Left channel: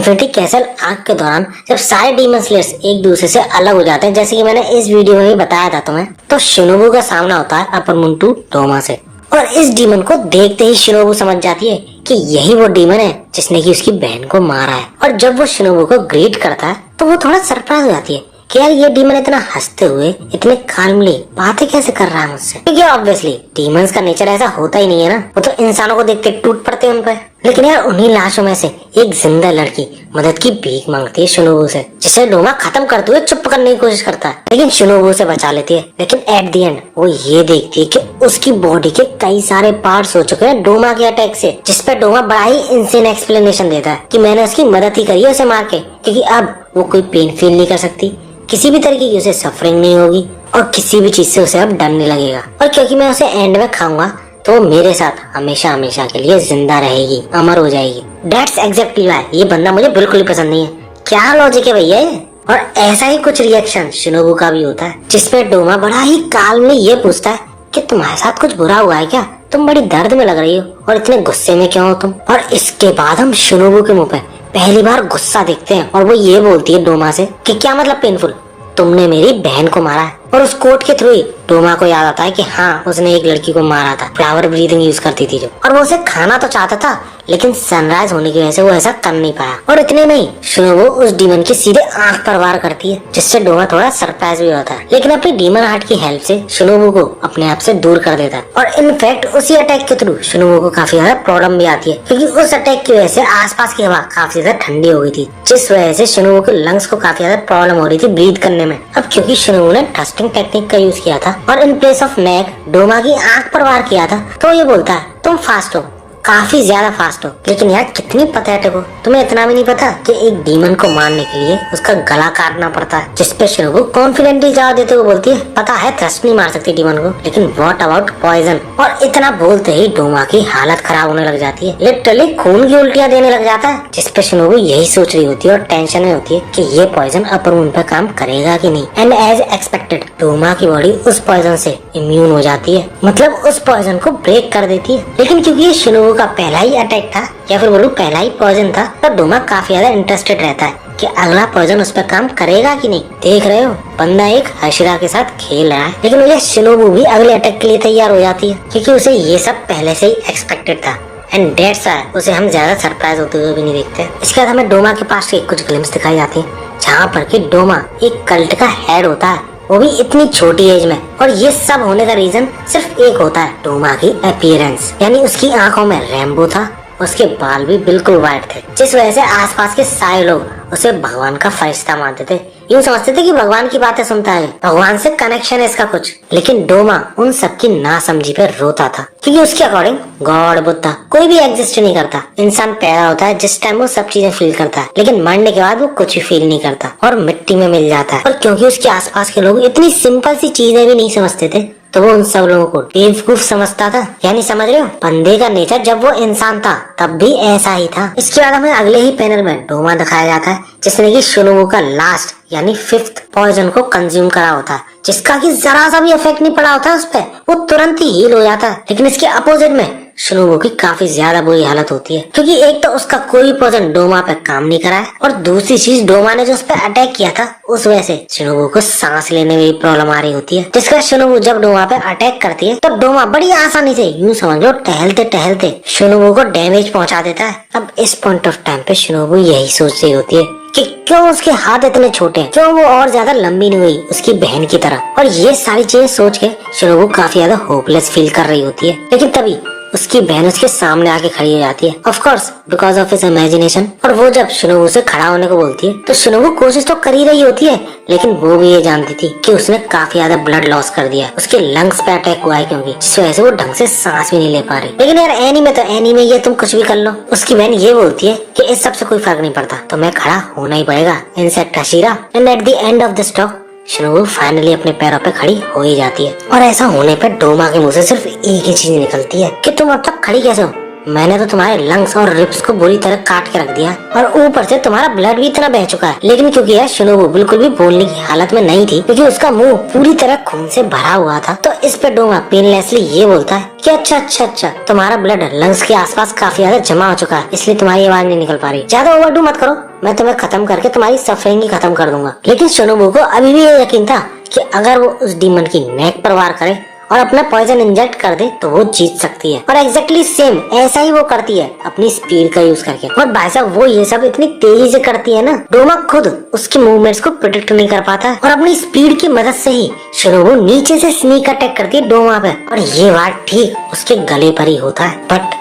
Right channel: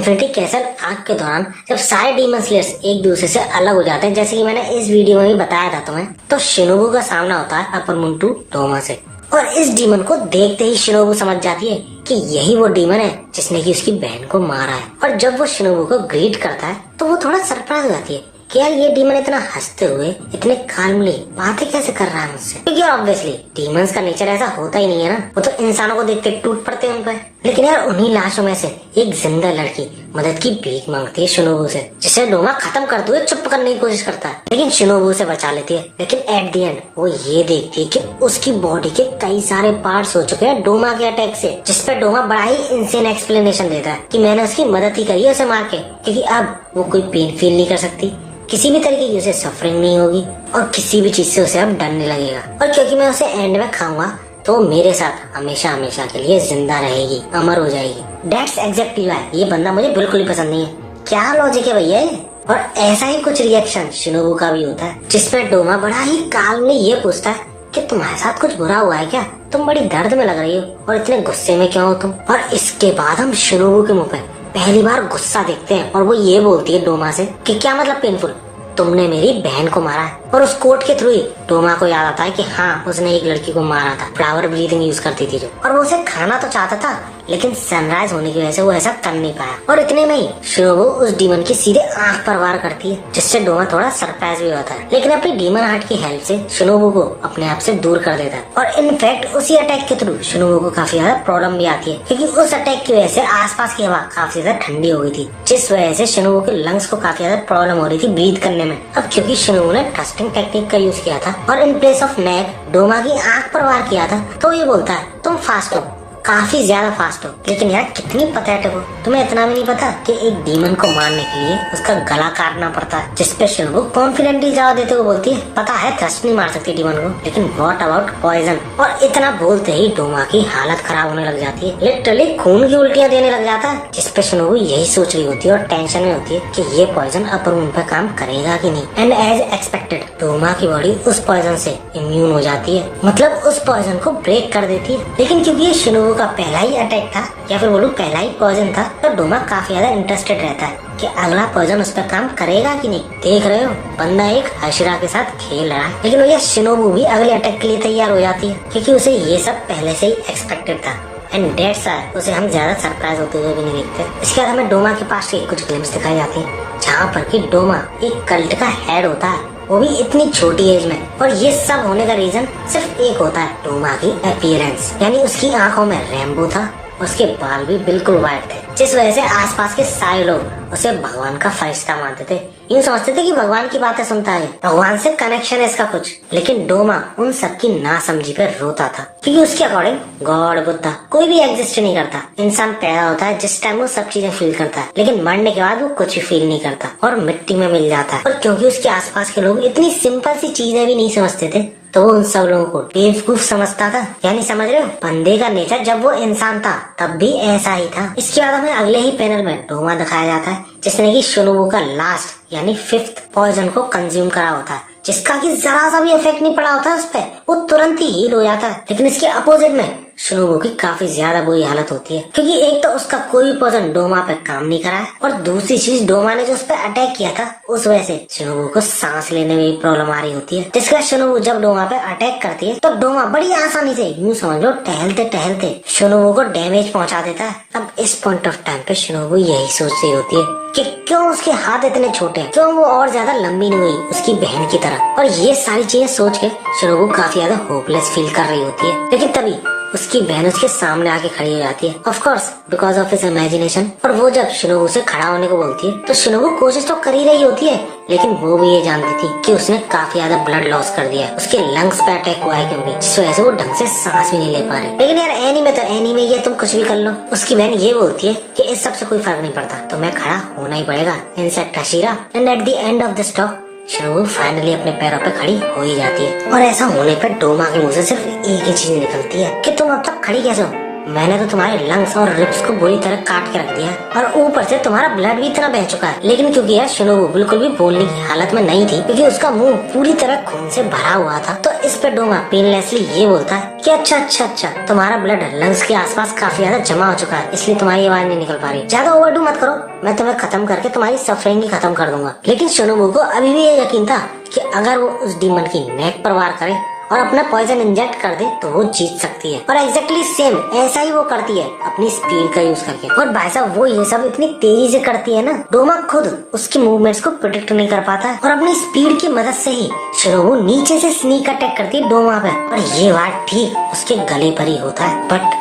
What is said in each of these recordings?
Infinity castle arc के दौरान जब सारे डीमन स्लेयर्स एक दूसरे से अलग हो जाते हैं, जैसे कि मैंने इस वीडियो में भी बताया था तुम्हें, तो शिनोबु का सामना होता है अपर मुंटू डोमा से। और इस डीमन को देखते ही शिनोबु समझ जाती है कि यही वो डीमन है जिसने की उसकी बहन को मारा है। और जब वो शिनोबु को ग्रीट करता है तो वो थोड़ा सरप्राइज हो जाती है कि यार ये डीमन इतना हंसते हुए, इतने काल्मली बातें कैसे कर रहा है मुझसे, क्योंकि ऑब्वियसली डीमंस का नेचर ऐसा होता ही नहीं है ना, वो तो इंसानों को देखते टूट पड़ते हैं उन पर। लेकिन यार उन्हीं लाशों में से एक जिंदा लड़की मदद की भीख मांगती है शिनोबु से, जिसे डोमा खत्म करते हुए चुप करने की कोशिश करता है, लेकिन शिनोबु उसे बचा लेती है। लेकिन एट द एंड वो ये देखती है कि उसकी बॉडी के कई सारे पार्ट्स हो चुके हैं डोमा के अटैक से, जिसपे डोमा बड़ा ही इंसेन एक्सप्लेनेशन देता है कि मैंने उसकी मदद ही करी है उसे मार के, क्योंकि अब वो कोई पेन फील नहीं कर सकती, किसी भी तरीके की उसे सफरिंग नहीं होगी और किसी भी चीज से उसे अब डर नहीं लगेगा। और क्योंकि मैं उसे एंड में खाऊंगा तो वो मेरे साथ हमेशा हमेशा के लिए जिंदा रहेगी, अमर हो जाएगी। दैट्स एग्जैक्टली व्हाई ये बंदा मुझे बिल्कुल ही पसंद नहीं है। क्या लॉजिक है भैया ये। और ऐसा ही कुछ रिएक्शन शिनोबु का भी होता है, जिसमें डोमा बड़ा ही काल्मली ये पूछता है कि तुम्हारे साथ कुछ बुरा हुआ है क्या, तुम बड़ी दर्द में लग रही हो और इतने गुस्से में क्यों हो तुम। और इसके बाद हम शिनोबु के मुंह पे पहली बार गुस्सा देखते हैं और वो ये बोलती है डोमा से कि क्या मतलब पेनफुल, तुमने मेरी बहन को मारा है। और उस कोट के थ्रू ही डोमा को याद आता है कि हाँ उसने एक लड़की को मारा था, फ्लावर ब्रीदिंग यूज करती थी जो, और वो उसे खाना तो चाहता था लेकिन सनराइज होने की वजह से वो ऐसा कर नहीं पाया। और इतने में ही शिनोबु उस डीमन की सीधे आंख पर वार करती है, जिससे डोमा थोड़ा सरप्राइज भी होता है, लेकिन अपनी डीमन हार्ट की हेल्प से शिनोबु को अपने आप से दूर कर देता है। और इनफैक्ट उसी अटैक के थ्रू शिनोबु को काफी ज्यादा प्रॉब्लम भी आती है, क्योंकि उस अटैक की वजह से आसपास की हवा काफी ज्यादा ठंडी हो गई थी, जिस वजह से शिनोबु के लंग्स को काफी ज्यादा प्रॉब्लम हो रही थी ब्रीथ करने में। अब क्योंकि शिनोबु ने ट्रस्टिंग टेक्निक का यूज किया था और in place of neck Doma की आंख पर वार किया था, तो ये बोलता है तुम फास्ट हो, काफी ज्यादा फास्ट हो, लेकिन यार कितनी पैथेटिक हो, तुम्हें इतना भी नहीं पता कि एक डीमन को मारने के लिए उसका गला काटना पड़ता है। जिसपे शिनोबु कॉन्फिडेंटली जवाब देते हुए बोलती है पता है थ्रस्ट नहीं मार सकती डीमन को, लेकिन व्हाट अबाउट पॉइजन। और इतना बोलते ही डोमा की हालत खराब होने लग जाती है, लिटरली खून की उल्टियां देने लग जाता है। जिसपे शिनोबु यही सोच रही होती है और टेंशन में होती है कि ये पॉइजन अपर मुंह पे काम करेगा कि नहीं। एंड एज एक्सपेक्टेड डोमा की बॉडी उस पॉइजन से इम्यून हो जाती है, मतलब उस पॉइजन को ब्रेक कर देती है। लेकिन क्योंकि ये शिनोबु का पहला ही अटैक था, या फिर बोलूं पहला ही पॉइजन था, तो डोमा काफी ज्यादा इंटरेस्टेड रहता है कि अगला पॉइजन उस पर काम करेगा कि नहीं। देख रहे हो बंदा एक हशरा के साथ खेल रहा है, लेकिन मुझे शिनोबु भी अगले अटैक के लिए तैयार हो जाती है, क्योंकि उसे ये सब पहले से ही एक्सपेक्टेड था। एंड दैट्स व्हाई उसे हम ज्यादा सरप्राइज होते हुए भी नहीं देखते। इसके बाद हमें डोमा के पास के कुछ ग्लिम्स दिखाई जाती है, जहाँ पर कि डोमा एक कल्ट का हेड होता है, वो भी इतनी छोटी एज में। और ये सब होने का रीजन सिर्फ एक होता है, डोमा की अपीयरेंस, यानी उसकी आंखों में रेनबो था, उसके बाल भी बिल्कुल व्हाइट थे, जिस वजह से आसपास के सारे लोग उसे भगवान का फरिश्ता मानते थे। यूँ समझते थे कि भगवान की बातें सुनता है, भगवान से कनेक्शन है इसका कुछ। लेकिन डोमा उन सबकी नासमझी पर रोता था, क्योंकि उसके अकॉर्डिंग गॉड बुद्धा कोई भी एग्जिस्ट नहीं करता। इंसान पैदा होता है जिस टाइम वो सब चीजें फील करता है, लेकिन मरने के बाद वो कुछ भी फील नहीं करता और मिट्टी में मिल जाता है। और क्योंकि उसके आसपास के लोग इतनी सिंपल सी चीजें भी नहीं समझते थे, तो वो उन सब लोगों को बेवकूफ समझता था। यानी समझ रहे हो, बंदे का नेचर जब वो इंसान था तब भी ऐसा ही था। इसके बाद हमें अगले ही पैनल में डोमा दिखाया जाता है, जिसने की शिनोबु का लास्ट यानी 5th पॉइजन को कंज्यूम करा होता है, जिसका कि जरा सा भी इफेक्ट नहीं पड़ा होता उस पर, वो तुरंत ही हील हो जाता है। लेकिन इसके अपोजिट में शिनोबु की काफी ज्यादा बुरी हालत होती है, क्योंकि एक तो उसका कोई पॉइजन डोमा पे काम नहीं करा है, और दूसरी चीज डोमा ने जो उस पर अटैक किया था उस वजह से शिनोबु को सांस लेने में भी प्रॉब्लम आ रही होती है। जिसका शिनोबु जब डोमा पे अटैक करती है तब डोमा बड़ी आसानी से, यूँ समझ लो टहलते टहलते शिनोबु को डैमेज पहुंचा देता है। अब इस पॉइंट ऑफ टाइम पे शिनोबु यही सोच रही होती है कि क्यों उसके हाथ इतने छोटे हैं, क्यों वो और ज्यादा लंबी नहीं हुई उसकी बहन की तरह। और ये सारी चीजें सोच के शिनोबु काफी ज्यादा होपलेस फील कर रही होती है। लेकिन तभी उसकी बहन उसके सामने आके खड़ी हो जाती है, of course because of his imagination. और वो जब शिनोबु से खड़ा होने को बोलती है तो शिनोबु कोशिश तो कर ही रही होती है, लेकिन वो भी ये जानती थी कि उसने काफी ज्यादा ब्लड लॉस कर दिया है, उसके लंग्स पे अटैक हुआ है, क्योंकि जिस वजह से वो ढंग से सांस भी नहीं ले पा रही। लेकिन यार एनीमे तो एनीमे, ये तुम कुछ भी कर लो। उसकी बहन ये बोलती है कि इस सब से कोई फर्क नहीं पड़ता, तो मैं खड़ा होना ही पड़ेगा, insect Hashira. And at the end of the stock Shinobu finally अपने पैरों पे खड़ी हो ही जाती है। और ऐसा होने पर डोमा के मुंह से सिर्फ एक ही चीज निकलती है कि तुम अब तक खड़ी कैसे हो, मैंने तो तुम्हारे लंग्स और रिब्स को बुरी तरह काट के रख दिया और ऊपर से तुम्हारा ब्लड भी इतना बह चुका है। लेकिन क्योंकि यार शिनोबू बिल्कुल भी बोलने की हालत में नहीं थी, क्योंकि उसका मुंह पूरी तरह खून से भरा हुआ था, तो इस पे डोमा पेनलेसली ये बोलता है कि अच्छा तुम्हारा ब्लड लंग्स के आसपास काफी ज्यादा जमा हो चुका है, इसलिए तुम्हारी आवाज नहीं निकल पा रही। ज्यादा ओवरडू मत करो, मैं तुम्हें खत्म करके तुम्हारी सफरिंग ही खत्म कर दूंगा। लेकिन शिनोबू को अभी भी ये यकीन था कि अगर वो उस डीमन की नेक पर वार करे और अपना पॉइजन इंजेक्ट कर दे तो वो जीत सकती है। और एग्जैक्टली सेम ऐसा ही वो करती है अपनी स्पीड का यूज करके। और भाई साहब वो ये सब इतनी तेजी से करती है ना, डोमा खुद उसकी मूवमेंट्स को प्रिडिक्ट नहीं कर पाता और अपनी स्पीड की मदद से ही शिनोबू नीचे से स्नीक अटैक करती है डोमा पे। और ये बात ठीक उसके गले पर ही होता है। बट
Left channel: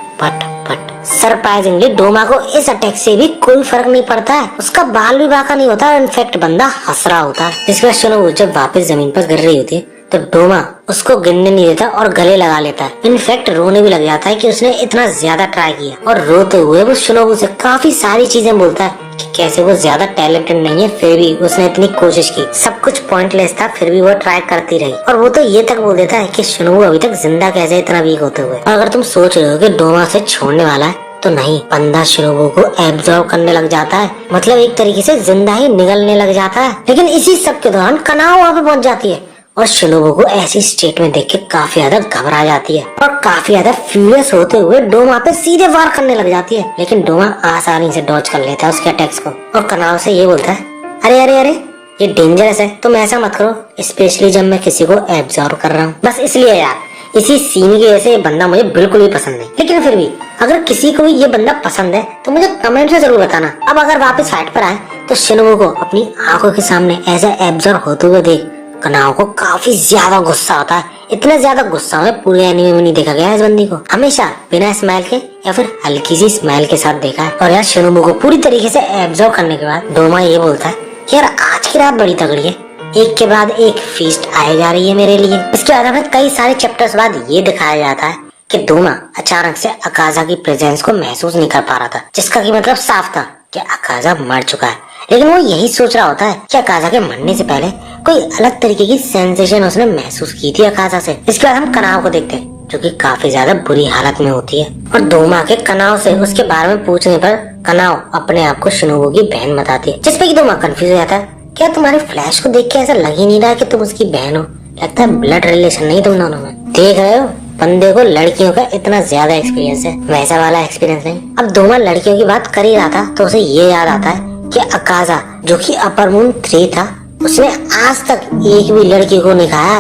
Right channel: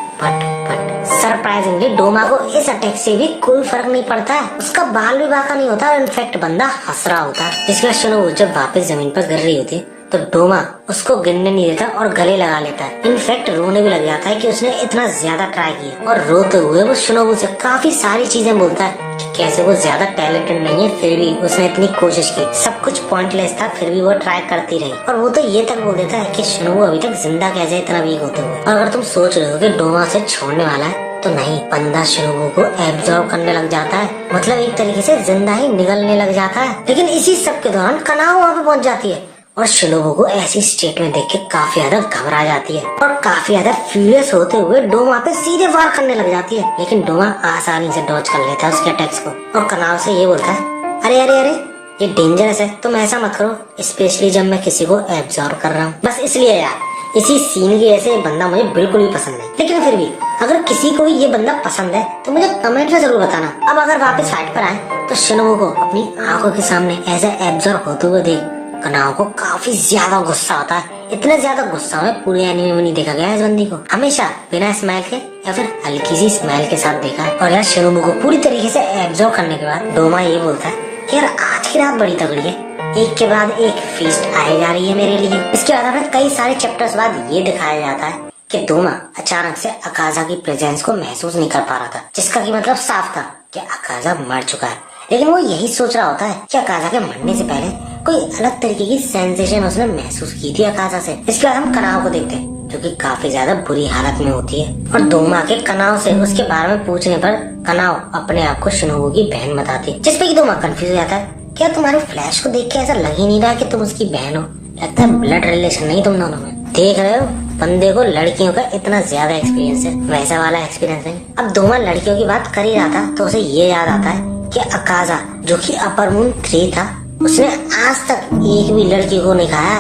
सरप्राइजिंगली डोमा को इस अटैक से भी कोई फर्क नहीं पड़ता है। उसका बाल भी बाका नहीं होता और इनफेक्ट बंदा हंस रहा होता है। इसके बाद शिनोबू जब वापस जमीन पर गिर रही होती है तो डोमा उसको गिरने नहीं देता और गले लगा लेता है। इनफैक्ट रोने भी लग जाता है कि उसने इतना ज्यादा ट्राई किया। और रोते हुए वो शिनोबू से काफी सारी चीजें बोलता है कि कैसे वो ज्यादा टैलेंटेड नहीं है, फिर भी उसने इतनी कोशिश की, सब कुछ पॉइंटलेस था, फिर भी वो ट्राई करती रही। और वो तो ये तक बोल देता है कि शिनोबू अभी तक जिंदा कैसे इतना वीक होते हुए। और अगर तुम सोच रहे हो कि डोमा से छोड़ने वाला है, तो नहीं, बंदा शिनोबू को एब्जॉर्ब करने लग जाता है, मतलब एक तरीके से जिंदा ही निगलने लग जाता है। लेकिन इसी सब के दौरान कनाओ वहाँ पे पहुंच जाती है और शिनोबू को ऐसी स्टेट में देख के काफी ज्यादा घबरा जाती है और काफी ज्यादा फ्यूरियस होते हुए डोमा पे सीधे वार करने लग जाती है। लेकिन डोमा आसानी से डॉज कर लेता है उसके अटैक्स को और कनाओ से ये बोलता है, अरे ये डेंजरस है, तुम ऐसा मत करो, स्पेशली जब मैं किसी को एब्जॉर्ब कर रहा हूँ। बस इसलिए यार, इसी सीन की वजह से ये बंदा मुझे बिल्कुल भी पसंद नहीं। लेकिन फिर भी अगर किसी को ये बंदा पसंद है तो मुझे कमेंट में जरूर बताना। अब अगर वापस साइड पर आए तो शिनोबू को अपनी आंखों के सामने ऐसा एब्जॉर्ब होते हुए देख कनाओ को काफी ज्यादा गुस्सा आता है। इतना ज्यादा गुस्सा है पूरे एनीमे में नहीं देखा गया इस बंदी को। हमेशा बिना स्माइल के या फिर हल्की सी स्माइल के साथ देखा है। और यार शिनोबू को पूरी तरीके से एब्जॉर्ब करने के बाद डोमा ये बोलता है कि यार आज की रात बड़ी तगड़ी है, एक के बाद एक फीस्ट आए जा रही है मेरे लिए। इसके बाद हमें कई सारे चैप्टर्स बाद ये दिखाया जाता है कि डोमा अचानक से अकाजा की प्रेजेंस को महसूस नहीं कर पा रहा था, जिसका की मतलब साफ था कि अकाजा मर चुका है। लेकिन वो यही सोच रहा होता है कि अकाजा के मरने से पहले कोई अलग तरीके की सेंसेशन उसने महसूस की थी अकाजा से। इसके बाद हम कनाओ को देखते हैं जो कि काफी ज्यादा बुरी हालत में होती है और डोमा के कनाओ से उसके बारे में पूछने पर कनाओ अपने आप को शिनोबू की बहन बताती है, जिसपे कि डोमा कंफ्यूज हो जाता है। क्या तुम्हारे फ्लैश को देख के ऐसा लग ही नहीं रहा कि तुम उसकी बहन हो? लगता है ब्लड रिलेशन नहीं तुम दोनों में। देख रहे हो, बंदे को लड़कियों का इतना ज्यादा एक्सपीरियंस है, वैसा वाला एक्सपीरियंस नहीं। अब डोमा लड़कियों की बात कर ही रहा था तो उसे ये याद आता है कि अकाजा जो कि अपर मून 3 था, उसने आज तक एक भी लड़की को नहीं खाया,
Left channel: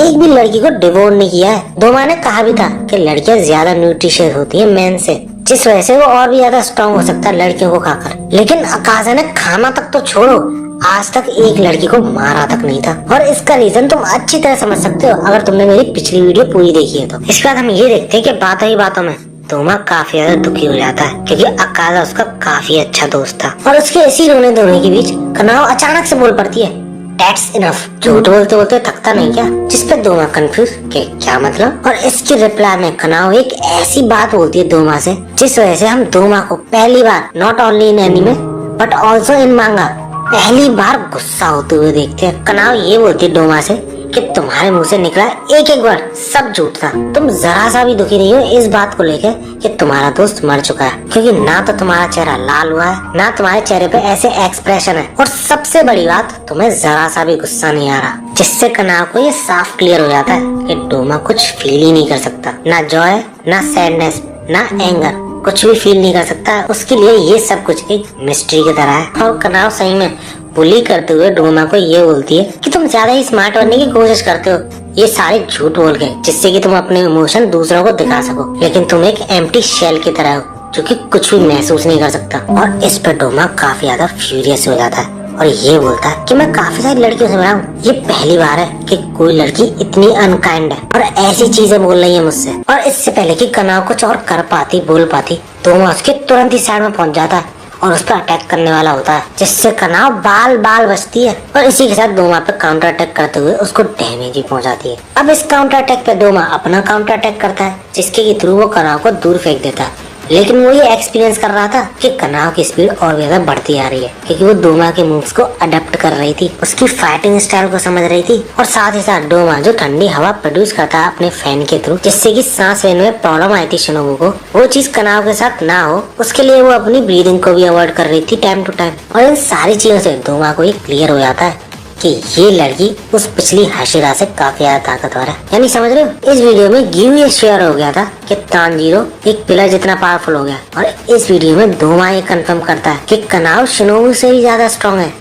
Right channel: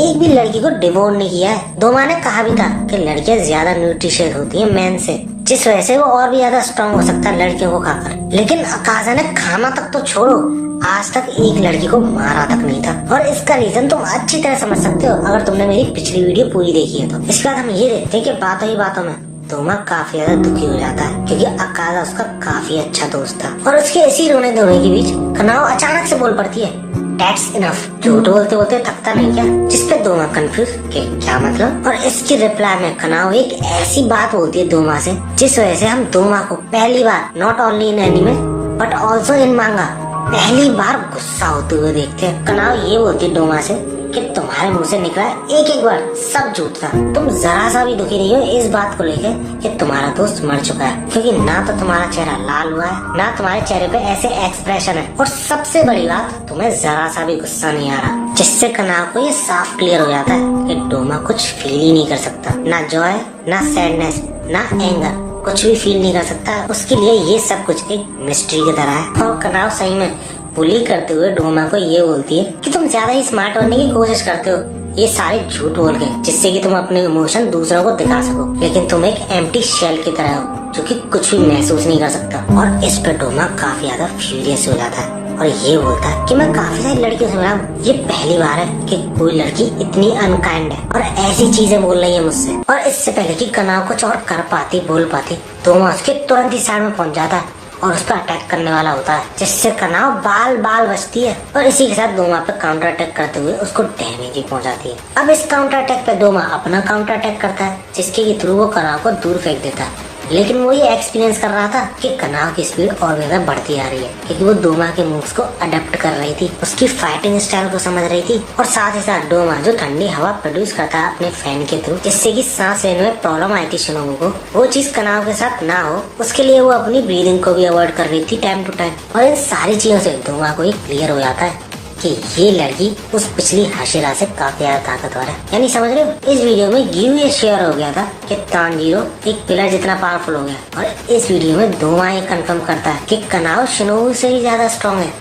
एक भी लड़की को डिवोर नहीं किया है। डोमा ने कहा भी था कि लड़कियां ज्यादा न्यूट्रिशियस होती हैं मेन से, जिस वजह से वो और भी ज्यादा स्ट्रॉन्ग हो सकता है लड़कियों को खाकर। लेकिन अकाजा ने खाना तक तो छोड़ो, आज तक एक लड़की को मारा तक नहीं था। और इसका रीजन तुम अच्छी तरह समझ सकते हो अगर तुमने मेरी पिछली वीडियो पूरी देखी है तो। इसके बाद हम ये देखते हैं कि बातों ही बातों में डोमा काफी ज्यादा दुखी हो जाता है क्योंकि अकाजा उसका काफी अच्छा दोस्त था। और उसके इसी रोने धोने के बीच कनाओ अचानक से बोल पड़ती है, That's enough। झूठ बोलते बोलते थकता नहीं क्या? जिसपे डोमा कंफ्यूज कि क्या मतलब। और इसकी रिप्लाई में कनाओ एक ऐसी बात बोलती है डोमा से जिस वजह से हम डोमा को पहली बार not only in anime but also in manga पहली बार गुस्सा होते हुए देखते हैं। कनाओ ये बोलती है डोमा से कि तुम्हारे मुंह से निकला एक एक वर्ड सब झूठ था, तुम जरा सा भी दुखी नहीं हो इस बात को लेकर कि तुम्हारा दोस्त मर चुका है, क्योंकि ना तो तुम्हारा चेहरा लाल हुआ है, ना तुम्हारे चेहरे पे ऐसे एक्सप्रेशन है, और सबसे बड़ी बात तुम्हें जरा सा भी गुस्सा नहीं आ रहा। जिससे कनाओ को ये साफ क्लियर हो जाता है कि डोमा कुछ फील ही नहीं कर सकता, ना जॉय, ना सैडनेस, ना एंगर, कुछ भी फील नहीं कर सकता। उसके लिए ये सब कुछ एक मिस्ट्री की तरह है। और कनाओ सही में बुली करते हुए डोमा को ये बोलती है कि तुम ज्यादा ही स्मार्ट बनने की कोशिश करते हो, ये सारे झूठ बोल के, जिससे कि तुम अपने इमोशन दूसरों को दिखा सको, लेकिन तुम एक एम्प्टी शेल की तरह हो जो कि कुछ भी महसूस नहीं कर सकता। और इस पर डोमा काफी ज्यादा फ्यूरियस हो जाता है और ये बोलता है कि मैं काफी सारी लड़कियों से मिला हूँ, ये पहली बार है कि कोई लड़की इतनी अनकाइंड है और ऐसी चीजें बोल रही है मुझसे। और इससे पहले कि कनाओ कुछ और कर पाती बोल पाती, डोमा उसके तुरंत ही साइड में पहुंच जाता है और उस पर अटैक करने वाला होता है, जिससे कनाओ बाल बाल बचती है और इसी के साथ डोमा पे काउंटर अटैक करते हुए उसको डैमेज भी पहुंचाती है। अब इस काउंटर अटैक पे डोमा अपना काउंटर अटैक करता है जिसके थ्रू वो कनाओ को दूर फेंक देता है, लेकिन वो ये एक्सपीरियंस कर रहा था कि कनाव की स्पीड और ज्यादा बढ़ती आ रही है, क्योंकि वो डोमा के मूव्स को अडेप्ट कर रही थी, उसकी फाइटिंग स्टाइल को समझ रही थी, और साथ ही साथ डोमा जो ठंडी हवा प्रोड्यूस करता है अपने फैन के थ्रू, जिससे कि सांस लेने में प्रॉब्लम आई थी शिनोबू को, वो चीज कनाव के साथ ना हो, उसके लिए वो अपनी ब्रीदिंग को भी अवॉइड कर रही थी टाइम टू टाइम। और इन सारी चीजों से डोमा को ये क्लियर हो जाता है कि ये लड़की उस पिछली हाशिरा से काफी ज्यादा ताकतवर है। यानी समझ रहे हो, इस वीडियो में गिव ये शेयर हो गया था कि तानजीरो एक पिलर जितना पावरफुल हो गया, और इस वीडियो में डोमा ये कंफर्म करता है कि कनाव शिनोबू से ही ज्यादा स्ट्रॉन्ग है।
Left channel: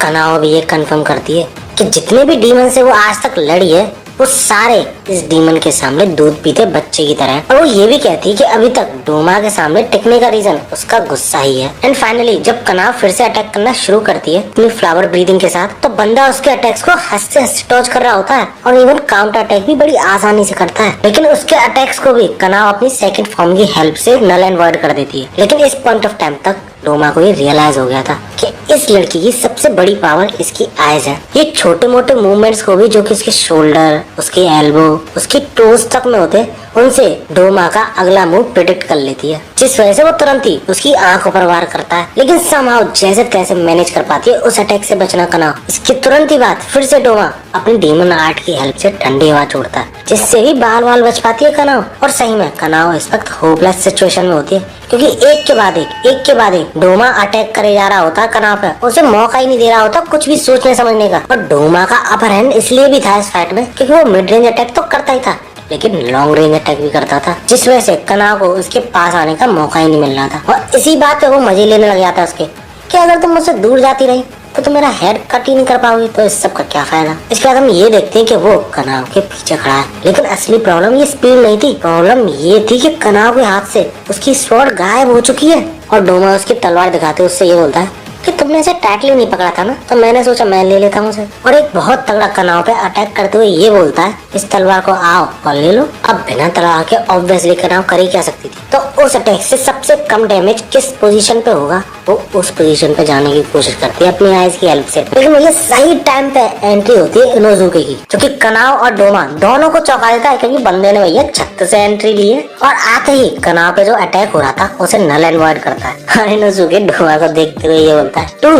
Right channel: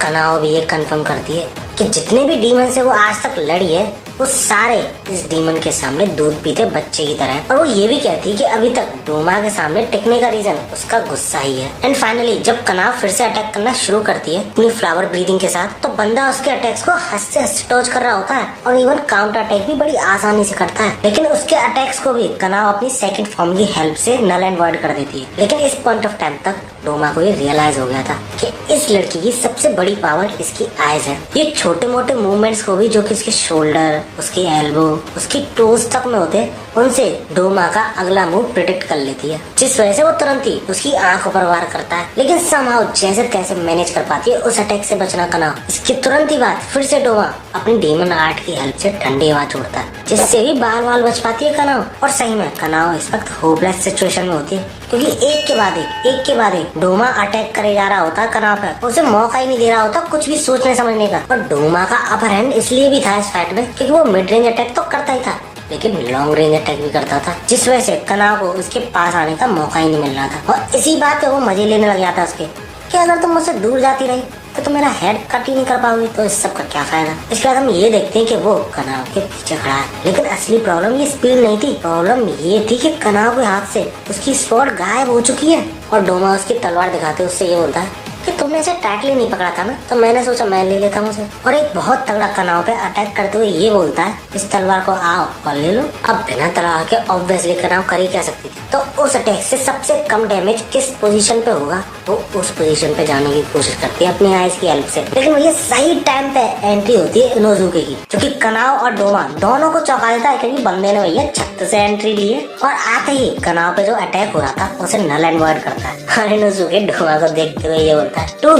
कनाव भी ये कंफर्म करती है कि जितने भी डीमन से वो आज तक लड़ी है, वो सारे इस डीमन के सामने दूध पीते बच्चे की तरह है। और वो ये भी कहती है कि अभी तक डोमा के सामने टिकने का रीजन उसका गुस्सा ही है। एंड फाइनली जब कनाव फिर से अटैक करना शुरू करती है अपनी फ्लावर ब्रीदिंग के साथ, तो बंदा उसके अटैक्स को हंसते हंसते डॉज कर रहा होता है, और इवन काउंटर अटैक भी बड़ी आसानी से करता है। लेकिन उसके अटैक्स को भी कनाव अपनी सेकंड फॉर्म की हेल्प से नल एंड वॉइड कर देती है। लेकिन इस पॉइंट ऑफ टाइम तक डोमा को ये रियलाइज हो गया था कि इस लड़की की सबसे बड़ी पावर इसकी आईज है। ये छोटे मोटे मूवमेंट्स को भी जो कि इसके शोल्डर, उसके एल्बो, उसकी टोज तक में होते, उनसे डोमा का अगला मूव प्रिडिक्ट कर लेती है, जिस वजह से वो तुरंत ही उसकी आंखों पर वार करता है। लेकिन समहाउ जैसे तैसे मैनेज कर पाती है उस अटैक से बचना कनाव। इसकी तुरंत ही बाद फिर से डोमा अपनी डीमन आर्ट की हेल्प से ठंडी हवा छोड़ता है, जिससे भी बाल बाल बच पाती है कनाव। और सही में कनाव इस वक्त होपलेस सिचुएशन में होती है, क्योंकि एक के बाद एक डोमा अटैक करे जा रहा होता है कनाव पे, उसे मौका ही नहीं दे रहा होता कुछ भी सोचने समझने का। और डोमा का अपर हैंड इसलिए भी था इस फाइट में क्योंकि वो मिड रेंज अटैक तो करता ही था, लेकिन लॉन्ग रेंज अटैक भी करता था, जिस वजह से कनाव को उसके पास आने का मौका ही नहीं मिल रहा था। और इसी बात पे वो मजे लेने लग जाता उसके कि अगर तुम मुझसे दूर जाती रही तो तुम मेरा हेड कट ही नहीं कर पाओगी, तो इस सब का क्या फायदा। इसके बाद हम ये देखते हैं कि वो कनाव के पीछे खड़ा है, लेकिन असली प्रॉब्लम ये स्पीड नहीं थी, प्रॉब्लम ये थी कि कनाव के हाथ से उसकी स्वॉर्ड गायब हो चुकी है। और डोमा उसकी तलवार दिखाते उससे ये बोलता है कि तुमने इसे टाइटली नहीं पकड़ा था ना, तो मैंने सोचा मैं ले लेता हूँ उसे। और एक बहुत तगड़ा कनाव पे अटैक करते हुए ये बोलता है, इस तलवार को आओ और ले लो। अब बिना तलवार के ऑब्वियसली कनाव कर ही क्या सकती थी, तो उस अटैक से सबसे कम डैमेज किस पोजीशन पे होगा वो उस पोजीशन पे जाने की कोशिश करती है अपनी आइज की हेल्प से। लेकिन ये सही टाइम पे एंट्री होती है इनोजुके की, जो कि कनाव और डोमा दोनों को चौंका देता है, क्योंकि बंदे ने भैया छत से एंट्री ली है। और आते ही कनाव पे जो अटैक हो रहा था उसे नल एंड वॉइड करता है। और इनोजुके डोमा को देखते हुए ये बोलता है, टू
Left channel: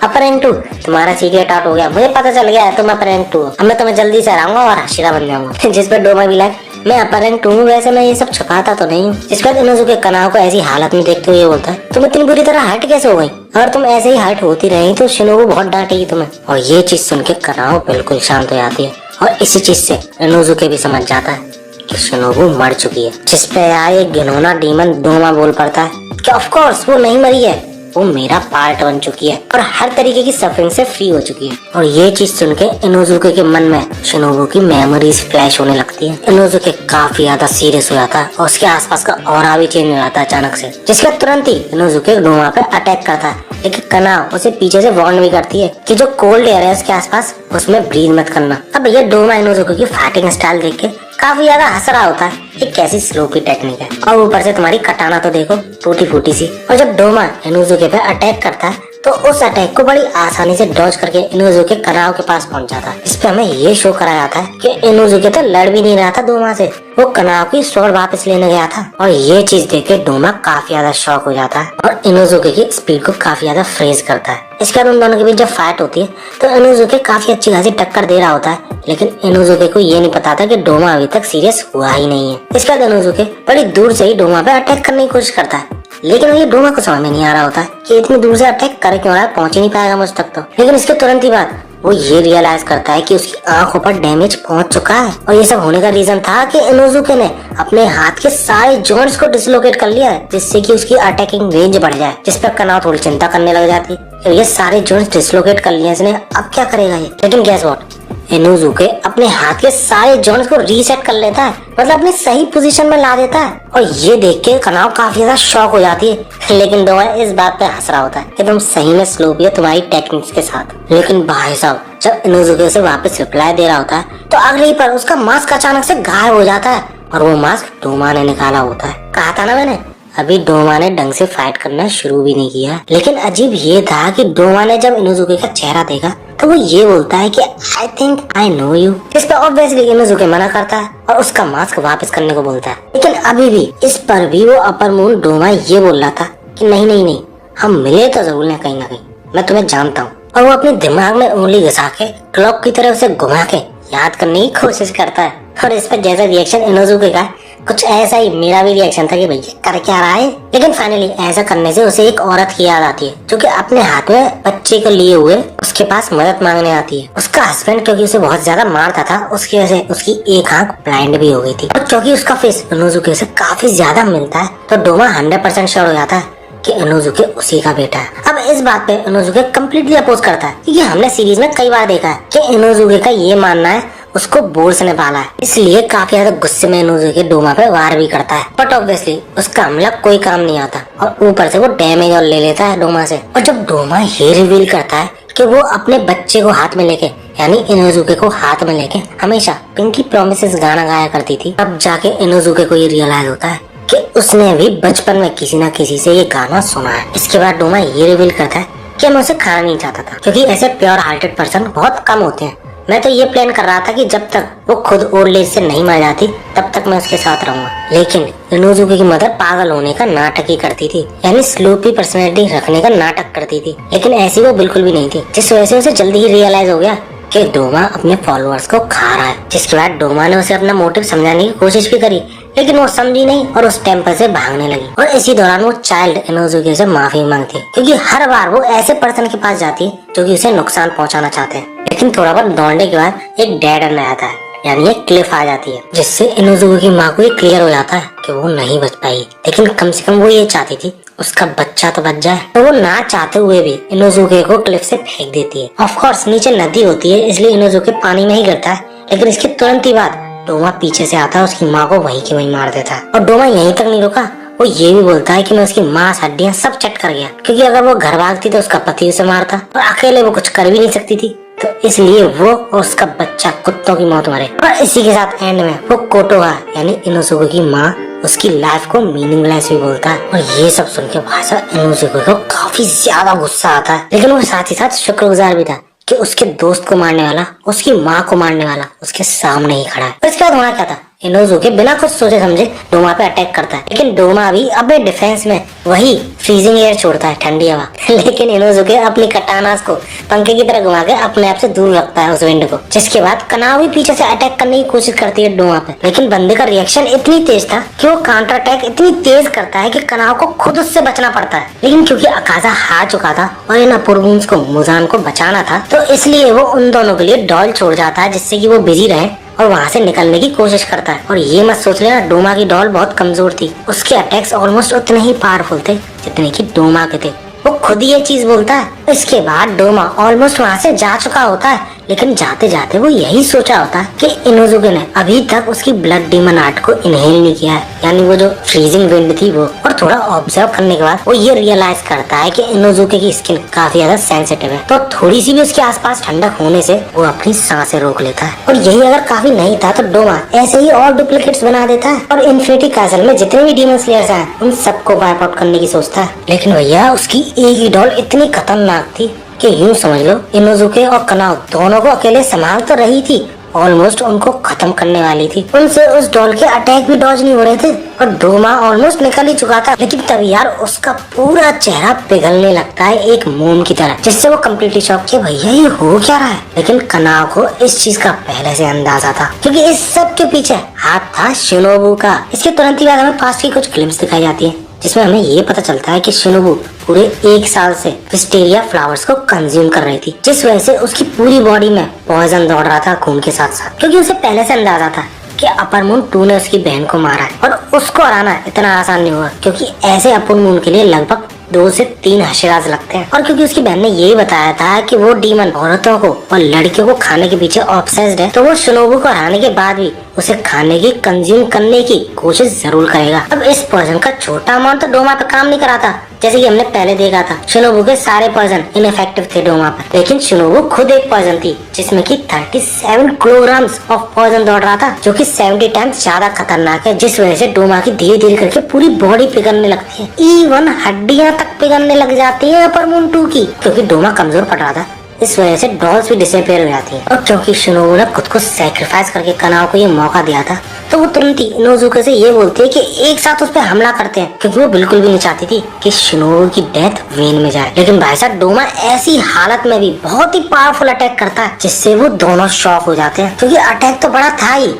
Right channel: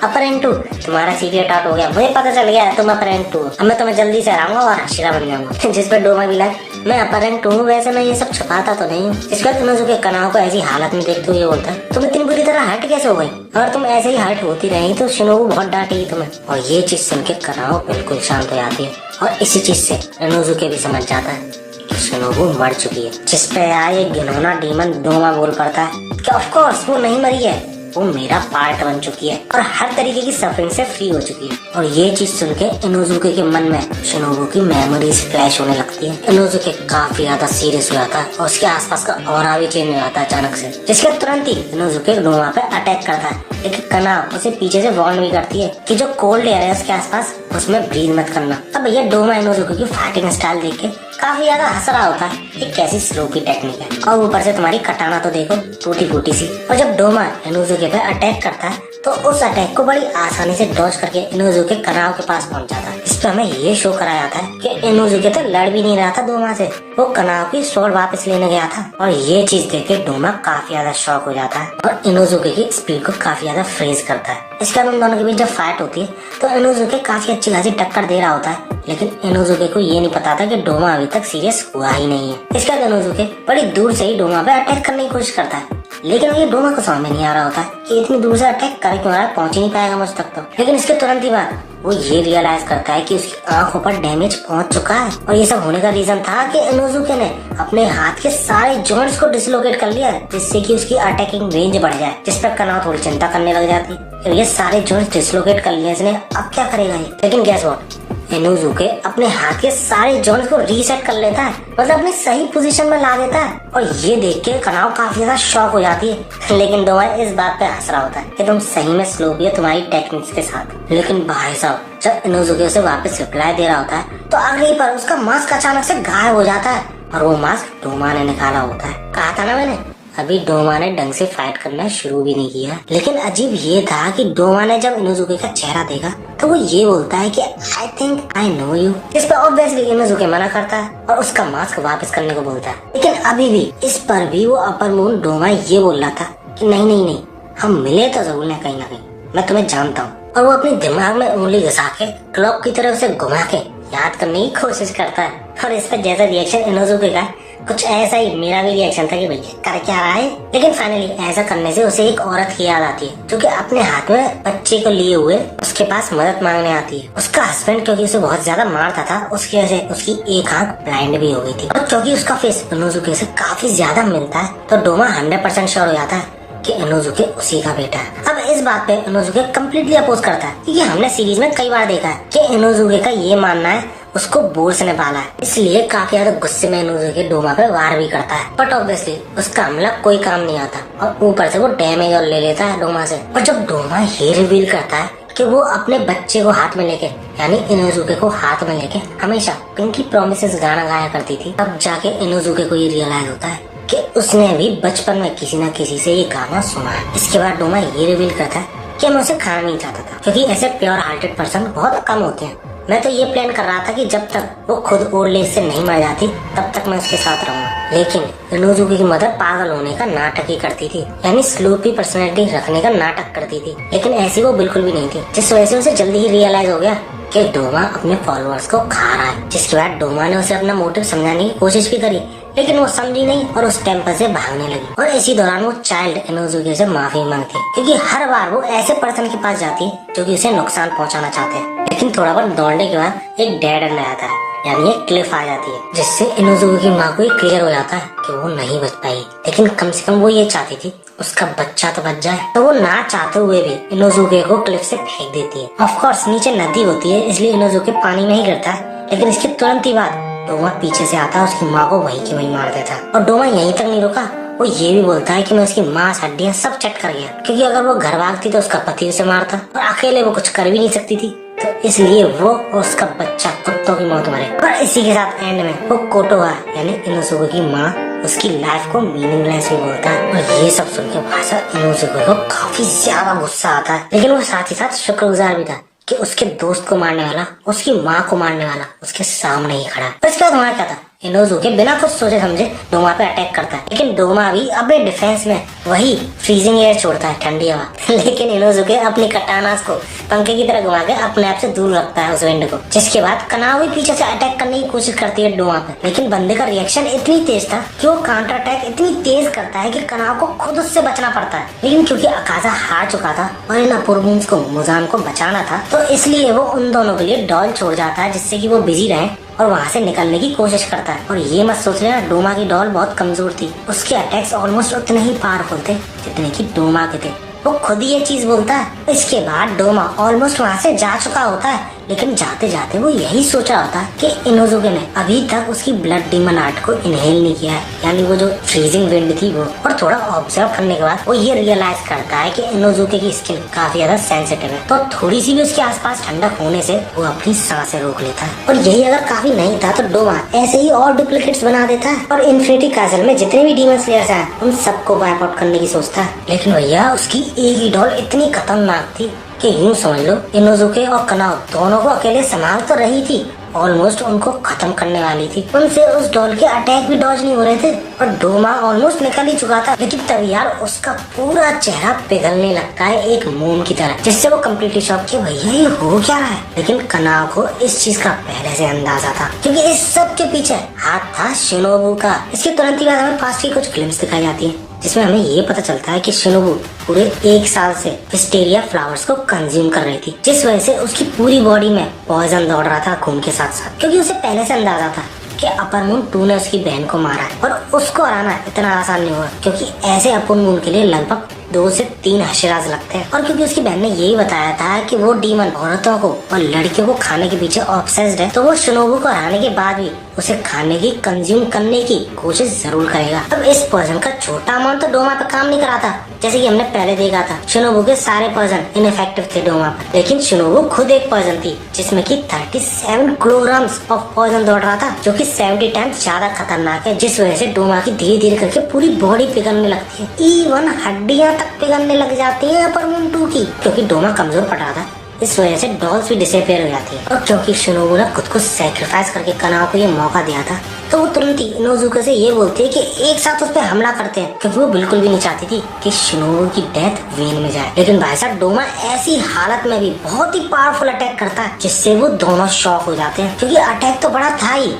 अपर एंड टू तुम्हारा सीक्रेट आउट हो गया, मुझे पता चल गया है तुम अपर एंड टू हो, अब मैं तुम्हें जल्दी से हराऊंगा और हाशिरा बन जाऊंगा। जिस पर डोमा भी लाइक मैं अपर एंड टू हूँ, वैसे मैं ये सब छुपाता तो नहीं हूँ। इस पर इनोजुके कनाव को ऐसी हालत में देखते हुए बोलता है, तुम इतनी बुरी तरह हर्ट कैसे हो गई, अगर तुम ऐसे ही हर्ट होती रही तो शिनोबू बहुत डांटेगी तुम्हें। और ये चीज सुन के कनाव बिल्कुल शांत हो जाती है, और इसी चीज से इनोजुके भी समझ जाता है कि शिनोबू मर चुकी है। जिस पे आए घिनौना डीमन डोमा बोल पड़ता है कि ऑफ कोर्स वो नहीं मरी है, वो मेरा पार्ट बन चुकी है और हर तरीके की सफरिंग से फ्री हो चुकी है। और ये चीज सुन के इनोजुके के मन में शिनोबू की मेमोरीज फ्लैश होने लगती है। इनोजुके काफी ज्यादा सीरियस हो जाता है और उसके आसपास का ऑरा भी चेंज हो जाता है अचानक से, जिसके तुरंत ही इनोजुके डोमा पे अटैक करता है। लेकिन कनाव उसे पीछे से वार्न भी करती है कि जो कोल्ड एयर है उसके आसपास उसमें ब्रीथ मत करना। अब भैया डोमा इनोजुके की फाइटिंग स्टाइल देख के काफी ज्यादा हंस रहा होता है, ये कैसी स्लो की टेक्निक है, और ऊपर से तुम्हारी कटाना तो देखो टूटी फूटी सी। और जब डोमा इनोजुके पे अटैक करता है तो उस अटैक को बड़ी आसानी से डॉज करके इनोजुके कनाव के पास पहुंच जाता है। इस पे हमें ये शो कराया था कि इनोजुके तो लड़ भी नहीं रहा था डोमा से, वो कनाव की स्वॉर्ड वापस लेने गया था। और ये चीज देख के डोमा काफी ज्यादा शॉक हो जाता है और इनोजुके की स्पीड को काफी ज्यादा फ्रीज करता है। इसके बाद उन दोनों के बीच जब फाइट होती है तो इनोजुके काफी अच्छी खासी टक्कर दे रहा होता है, लेकिन इनोजुके को ये नहीं पता था कि डोमा अभी तक सीरियस हुआ ही नहीं है। इसके बाद इनोजुके बड़ी दूर से ही डोमा पे अटैक करने की कोशिश करता है, लेकिन ये डोमा को समझ में नहीं आ रहा होता है कि इतनी दूर से अटैक करे क्यों रहा है, पहुंच ही नहीं पाएगा मुझ तक तो। लेकिन इसके तुरंत ही बाद वो ये रियलाइज करता है कि उसकी आंखों पर डैमेज पहुंच चुका है, और ये सब होने का रीजन था कि इनोजुके ने अपने हाथ के सारे जॉइंट्स को डिसलोकेट कर लिया है, जिससे कि उसकी अटैकिंग रेंज बढ़ जाए। जिस पर कनाव थोड़ी चिंता करने लग जाती है, ये सारे जॉइंट्स डिसलोकेट कर लिए इसने, अब क्या करेगा ये। लेकिन गैस व्हाट, इनोजुके अपने हाथ के सारे जॉइंट्स को रीसेट कर लेता है, मतलब अपने सही पोजीशन में ला देता है। और ये देख के कनाव काफी ज्यादा शॉक हो जाती है, लेकिन डोमा इस बात पे हंस रहा होता है कि तुम सही में स्लो भी हो तुम्हारी टेक्निक्स के साथ। लेकिन भाई साहब जब इनोजुके से वापस रिप्लाई दे रहा होता है तो अगले ही पर उसका मास्क अचानक से गायब हो जाता है, और वो मास्क डोमा ने निकाला होता है। कहा था ना मैंने, अभी डोमा ने ढंग से फाइट करना शुरू भी नहीं किया। लेकिन अजीब ये था कि डोमा ने जब इनोजुके का चेहरा देखा तो वो ये बोलता है कि I think I know you. इस पर ऑब्वियसली इनोजुके मना करता है और उसका मास्क वापस करने को बोलता है। लेकिन अभी भी इस पर भी वो अपर मून डोमा ये बोल रहा था कि नहीं नहीं नहीं, हम मिले तो जरूर हैं कहीं ना कहीं, मैं तुम्हें जानता हूँ। और वो अपने दिमाग में उंगली घुसा के क्लॉक की तरफ से घुमा के याद करने की कोशिश करता है। और इस पर जैसा रिएक्शन इनोजुके का, कुछ ऐसा ही मेरा भी रिएक्शन था कि भैया कर क्या रहा है। लेकिन फाइनली ऐसा करने से उसे एक औरत की याद आती है जो कि अपने हाथ में बच्चे को लिए हुए उसके पास मदद मांगने आती है। उसका हस्बैंड क्योंकि उसे बहुत ज्यादा मारता था, उसकी वजह से उसकी एक आंख ब्लाइंड भी हो गई थी। और क्योंकि उसका फेस इनोजुके से काफी ज्यादा मिलता है तो डोमा 100% श्योर हो जाता है कि इनोजुके उसी का बेटा है। अब इस बात पे इनोजुके कम्प्लीटली अपोज करता है क्योंकि हमने सीरीज में कई बार देखा है कि इनोजुके का ये मानना है उसको बोर्स ने पाला है, इसलिए काफी ज्यादा गुस्से में इनोजुके डोमा पे वार भी करता है। बट ऑब्वियसली उसका हमला कोई काम नहीं आता और ऊपर से वो डैमेज और ले लेता है डोमा से। और जब डोमा ये रिवील करता है कि वो अपने बच्चे को हाथ में लेके, यानी इनोजुके को हाथ में लेके हमेशा पिंकी प्रॉमिसेस गाना गाया करती थी, तब जाके इनोजुके को ये रियलाइज होता है कि उसने भी बचपन में किसी न किसी से ये गाना सुना है। इसके बाद डोमा ये रिवील करता है कि मैं उसे खाना नहीं चाहता था क्योंकि ऐसे प्योर हार्टेड पर्सन बहुत कम होते हैं। मैं तो ये प्लान कर रहा था कि जब तक वो खुद ओल्ड एज से नहीं मर जाती तब तक मैं उसके साथ रहूंगा। लेकिन इनोजुके की मदर पागल होने का नाटक ही करती थी, यानी स्लूपी पर्सनैलिटी रखने का नाटक करती थी। लेकिन ऐसी वो बिल्कुल भी नहीं थी, जिस वजह से उसे जल्दी ही रियलाइज हो गया कि डोमा अपने फॉलोअर्स को खा रहा है। जिसके बाद डोमा ने उसे अपना मोटिव समझाने की कोशिश भी करी, लेकिन वो समझी नहीं और उस टेम्पल से भागने लगी। और इसी दौरान वो चाइल्ड इनोजुके से माफी मांगती है क्योंकि हर बार वो ऐसे पर्सन के पास जाती है जो कि उसे नुकसान पहुंचाना चाहते हैं। लेकिन थोड़ा बहुत दौड़ने के बाद एक डेड एंड आता है, यानी एक क्लिफ आ जाती है, जिससे इनोजुके की माँ को ये क्लियर हो जाता है कि वो नहीं बच पाई। लेकिन कम से कम वो ये चाहती थी उसका बच्चा तो बच जाए, तो वो ना चाहते हुए भी इनोजुके को क्लिफ से फेंक देती है। ऑफ कोर्स नीचे नदी होती है इसलिए इनोजुके पानी में ही गिरता है, लेकिन इसके तुरंत ही बाद डोमा पीछे से आता है, उसकी माँ को वहीं की वहीं मार देता है। और डोमा यहीं तक नहीं रुका, वो ये भी बोलता है कि मैं उसकी मांस हड्डियां सब चट कर गया क्योंकि अगर वो घर भागती तो उसका पति उसे मारता और अकेले वो कुछ कर भी नहीं सकती थी, तो इसलिए वो और उसका बच्चा कुत्तों की मौत मरे। और इसी के साथ एंड में वो कोटोहा यानी इनोजुके की माँ उसकी लाइफ को मीनिंगलेस भी बोलता है। और ये सब सुन के भाषा इनोजुके को काफी ज्यादा गुस्सा आता है, लेकिन वो साथ ही साथ शुक्रगुजार भी था कि उसके दोस्त को मारने वाला, उसकी माँ को मारने वाला उसके सामने ही खड़ा है। तो इसके बाद होना क्या था, इनोजुके बिना कुछ सोचे समझे डोमा पे अटैक करता है, लेकिन डोमा भी अपने डिफेंस में वही फ्रीजिंग एयर छोड़ता है, ठंडी हवा। लेकिन इनोजुके अपनी कटानास को पंखे की तरह घुमा के अपने आप से दूर रखता है उस विंड को। जिसके बाद कनाव भी पीछे से अटैक करने की कोशिश करती है डोमा पे, लेकिन बंदे का रिएक्शन इतनी तेज था कि वो काउंटर अटैक इतनी तेज करता है कि कनाव को खुद उससे बचना पड़ता है। लेकिन क्योंकि अकाजा हार चुका था और इन अपूर्वुन्स को मुजान को बचाना था, तो इसलिए वो उन दोनों के लिए डॉल छोड़ जाता है जिससे कि वो बिजी रहे और वहाँ से निकलने की कोशिश करता है। और ये मत सोच लेना डोमा की डॉल बहुत कमजोर थी, उसके अटैक्स ऑलमोस्ट उतने ही पावरफुल थे जितने की डोमा के थे। वो खुद ये चीज बोलता है। इसके बाद डोमा ऑलमोस्ट वहाँ से जा चुका होता है, लेकिन जाते जाते वो यही सोचा होता है कि इनोजुके ने अभी तक उसकी ब्लड डीमन आर्ट को इनहेल नहीं किया है, यानी वो जो फ्रीजिंग विंड थी वो। और थोड़ा ऑब्जर्व करने के बाद वो ये रियलाइज करता है कि इनोजुके की स्किन काफी ज्यादा सेंसिटिव है, तो थोड़ी सी भी उसके आसपास ठंडक होने से वो अपनी सांसें रोक लेता है। और यही अगर काफी नहीं था तो डोमा ऐसे ही और डुप्लीकेट्स बना देता है और इन्फिनिटी कैसल में जितने भी डीमन स्लेयर्स हैं उन सबको वाइप आउट करने की सोचता है। लेकिन भैया उसकी एक ही डॉल इतनी खतरनाक थी कि यूं समझ लो इनोजुके और कनाव दोनों को अकेले संभाल तो रही थी, ऑलमोस्ट उनको खत्म करने वाली थी। उनसे उस डॉल के अटैक भी डॉज नहीं हो रहे थे और डोमा ऑलमोस्ट निकल ही चुका था। लेकिन तब यार उसका पूरा चेहरा पिघलने लगता है एक मोम की तरह, जिससे वो कम्प्लीटली शॉक कि भैया ये हो क्या रहा है। लेकिन कनाव को इस चीज का पहले से अंदाजा था क्योंकि इस सब के पीछे हाथ था शिनोबू का। इसके तुरंत ही बाद हमें पास की कुछ क्लिप्स दिखाई जाती है जिसमें हमें ये पता चलता है कि शिनोबू पूरे 1 साल से विस्टेरिया फ्लावर्स को कंज्यूम कर रही थी, जिस वजह से उसकी पूरी बॉडी में पॉइजन दौड़ रहा था खून के साथ साथ। क्योंकि उसे पहले से अंदाजा था कि अपर मून 2 ने उसकी बहन को मारा है और उसको हराना इतना आसान नहीं हुआ क्योंकि ऐसे अपर मून के लिए लगभग 2 से 3 हशराज लगते हैं। और क्योंकि उसकी बहन ने यही बताया था कि वो डीमन औरतों को और लड़कियों को खाने के पीछे ऑब्सेस्ड है, तो वो शिनोबू को हराने के बाद भी उसे खाने की कंज्यूम करने की कोशिश जरूर करेगा। अब इस पॉइजन का छोटा अमाउंट तो डोमा पे काम नहीं कराता, जैसे कि हमने पहले देखा था शिनोबू के सारे पॉइजन इनफेक्टिव थे डोमा पर, लेकिन शिनोबू खुद एक पॉइजन थी जिसमें कि 37 किलोग्राम्स ऑफ पॉइजन दौड़ रहा था, जो कि 70 टाइम्स ज्यादा खतरनाक है, जिस वजह से डोमा की धीरे धीरे करके पूरी बॉडी पिघलने लगती है, इवन हड्डियां तक पिघलने लग जाती है अपर मून 2 की, क्योंकि डोमा कमजोर पड़ रहा था। इस वजह से डॉल्स भी डिसअपियर हो जाती है। और क्योंकि शिनोबू ने खुद को सैक्रिफाइस करके कनाओ को ये मौका दिया था, तो वो तुरंत ही इनोजुके से ये बोलती है कि एक साथ उस पर हमला करते हैं, क्योंकि वो बिल्कुल भी नहीं चाहती थी कि शिनोबू की डेथ वेन में जाए। लेकिन भाई साहब डोमा ऐसी हालत में भी बहुत ही पावरफुल अटैक करता है, जिससे वो दोनों शॉक हो जाते हैं, क्योंकि अटैक तो बड़ा था ही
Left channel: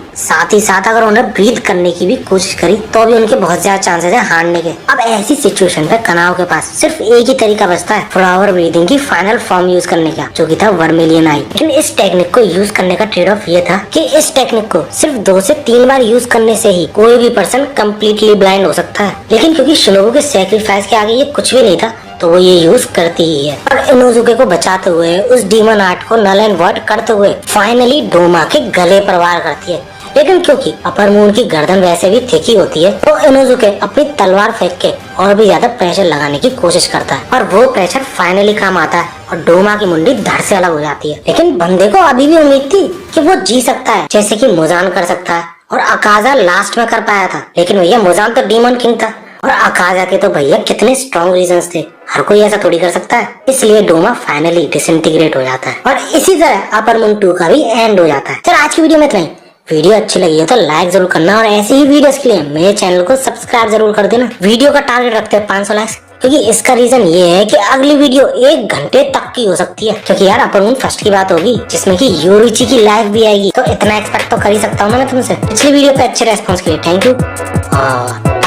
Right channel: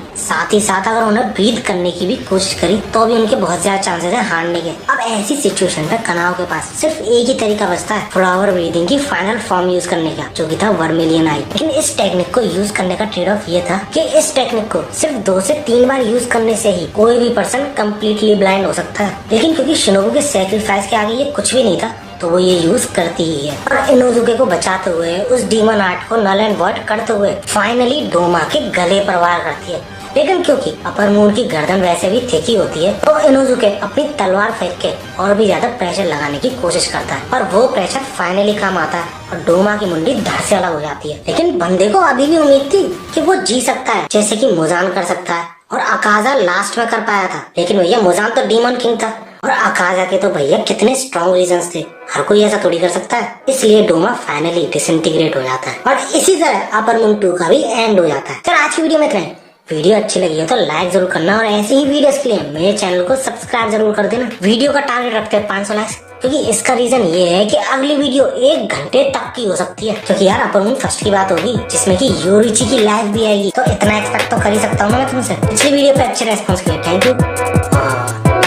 साथ अगर उन्हें ब्रीथ करने की भी कोशिश करी तो भी उनके बहुत ज्यादा चांसेस है हारने के। अब ऐसी सिचुएशन पे कनाओ के पास सिर्फ एक ही तरीका बचता है फ्लावर ब्रीदिंग की फाइनल फॉर्म यूज करने का, जो कि था वर्मिलियन आई। लेकिन इस टेक्निक को यूज करने का ट्रेड ऑफ ये था कि इस टेक्निक को सिर्फ 2 से 3 बार यूज करने से ही कोई भी पर्सन कम्प्लीटली ब्लाइंड हो सकता है। लेकिन क्योंकि शिनोबू के सैक्रिफाइस के आगे ये कुछ भी नहीं था, तो वो ये यूज करती ही है। और इनोजुके को बचाते हुए, उस डीमन आर्ट को नल एंड वॉइड करते हुए फाइनली डोमा के गले पर वार करती है। लेकिन क्योंकि अपर मून की गर्दन वैसे भी थिकी होती है, तो इनोजुके अपनी तलवार फेंक के और भी ज्यादा प्रेशर लगाने की कोशिश करता है, और वो प्रेशर फाइनली काम आता है और डोमा की मुंडी धड़ से अलग हो जाती है। लेकिन बंदे को अभी भी उम्मीद थी कि वो जी सकता है, जैसे कि मुजान कर सकता है और अकाजा लास्ट में कर पाया था। लेकिन भैया मुजान तो डीमन किंग था और अकाजा के तो भैया कितने स्ट्रॉन्ग रीजंस थे, हर कोई ऐसा थोड़ी कर सकता है। इसलिए डोमा फाइनली डिसइंटीग्रेट हो जाता है और इसी तरह अपर मून 2 का भी एंड हो जाता है। चल आज की वीडियो में इतना ही। वीडियो अच्छी लगी है तो लाइक जरूर करना और ऐसी ही वीडियोस के लिए मेरे चैनल को सब्सक्राइब जरूर कर देना। वीडियो का टारगेट रखते हैं 500 लाइक्स, क्योंकि इसका रीजन ये है कि अगली वीडियो 1 घंटे तक की हो सकती है, क्योंकि यार अपर मून फर्स्ट की बात होगी जिसमें कि योरुची की लाइफ भी आएगी, तो इतना एक्सपेक्ट तो कर ही सकता हूँ ना मैं तुमसे। पिछली वीडियो पे अच्छे रेस्पॉन्स के लिए थैंक यू।